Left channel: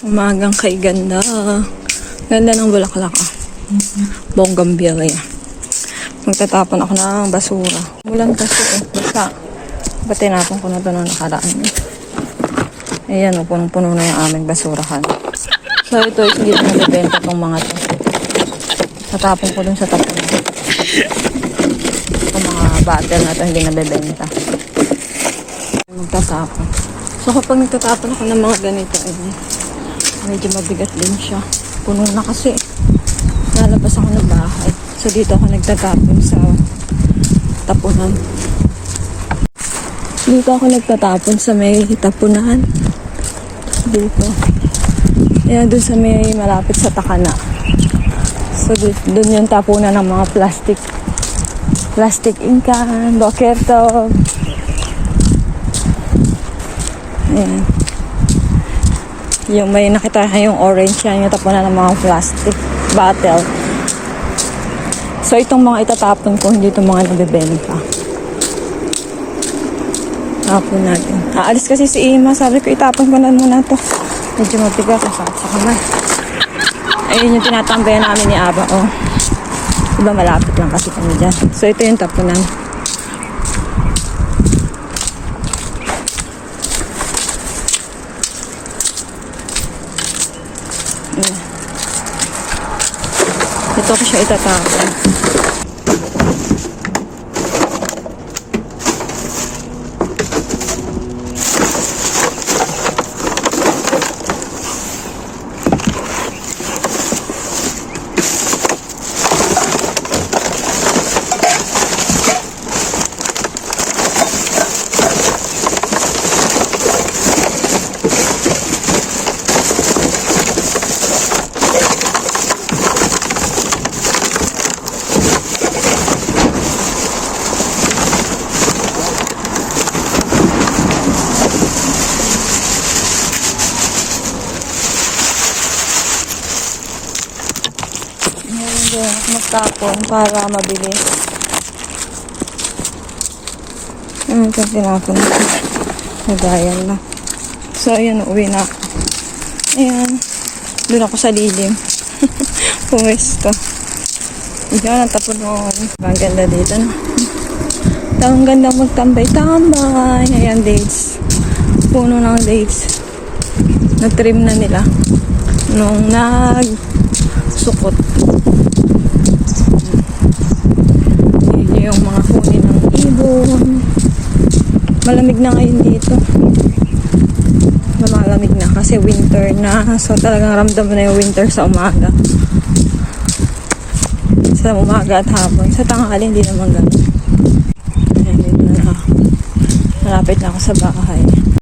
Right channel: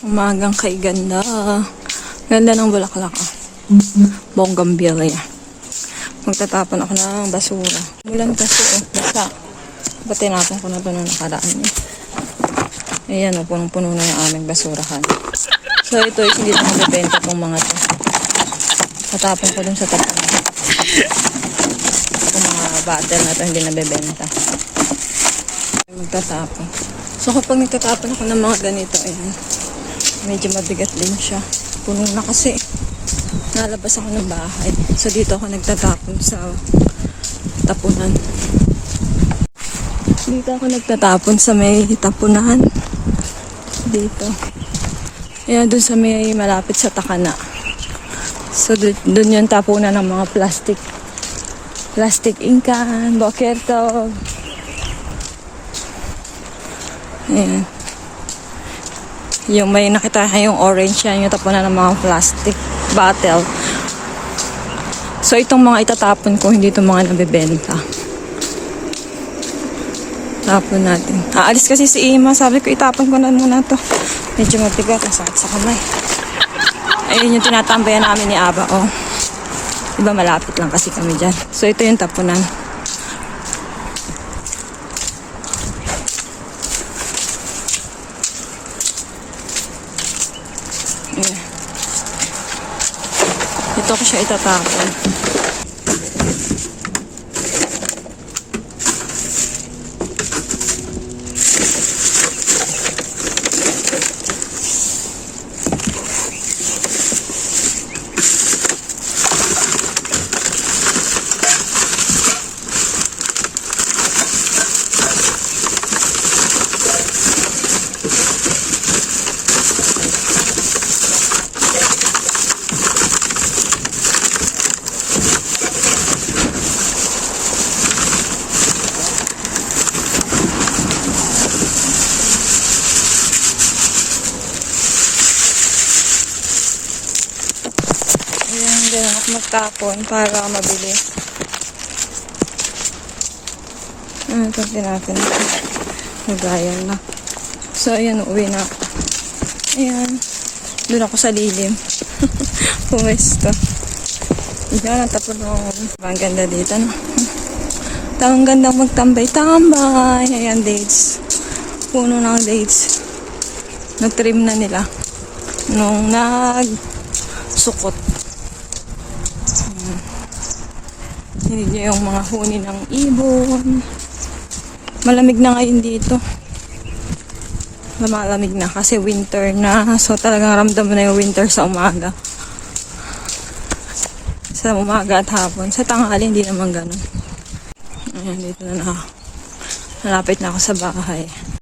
Umagang kay ganda. Ganda ng bulaklak ah. Bougainvillea. Magtatapon ako ng basura. Mulang kasi eh. Basta. Ba't tinapon ko na ito nung nakaraan eh. Ayan o, punong-puno na yung aming basurahan. So ito is hindi ko mabibenta itong mga ito. Tatapon ko dun sa tapon. Itong mga bottle na ito hindi mabibenta. Magtatapon. So kapag nagtatapon ako ng mga ganito eh, medyo mabigat din siya. Puno na kasi. Lalabas ako ng bahay. So dito ako nagtatapon sa tapunan. Dito ako nagtatapon sa may tapunan. Dito. Yan doon sa may malapit sa Takana. So doon yung tapunan ng mga plastic. Plastic inkan, bakerto. Yan. Yung may nakita yung orange yan, yung tapunan ng mga plastic bottle. So itong mga itatapon ko, hindi itong mga nabibenta. Tapon natin. Aalis kasi si Ima. Sabi ko itapon ko na muna ito. Medyo mabigo ako sa kamay. Ayun yung tinatambayan namin ni Aba. Oh. Diba malapit lang kasi kami dyan. So ito yung tapunan. Ito ko siya itatapon. Magtapon para mabili. Ito tinapon na. Nagayan na. So, ayan, uwi na ako. Ayan. Doon ako sa lilim. Puwesto. Ayan, ang tapon mo. Ang ganda dito, no? Ang ganda magtambay-tambay. Ayan, dates. Puno ng dates. Na-trim na nila. Nung nag-sukot. Yung mga huni ng ibon. Malamig na ngayon dito. Malamig na kasi winter na. So talagang ramdam mo na yung winter sa umaga. Sa umaga at hapon. Sa tanghali hindi naman ganun. Malapit na ako sa bahay.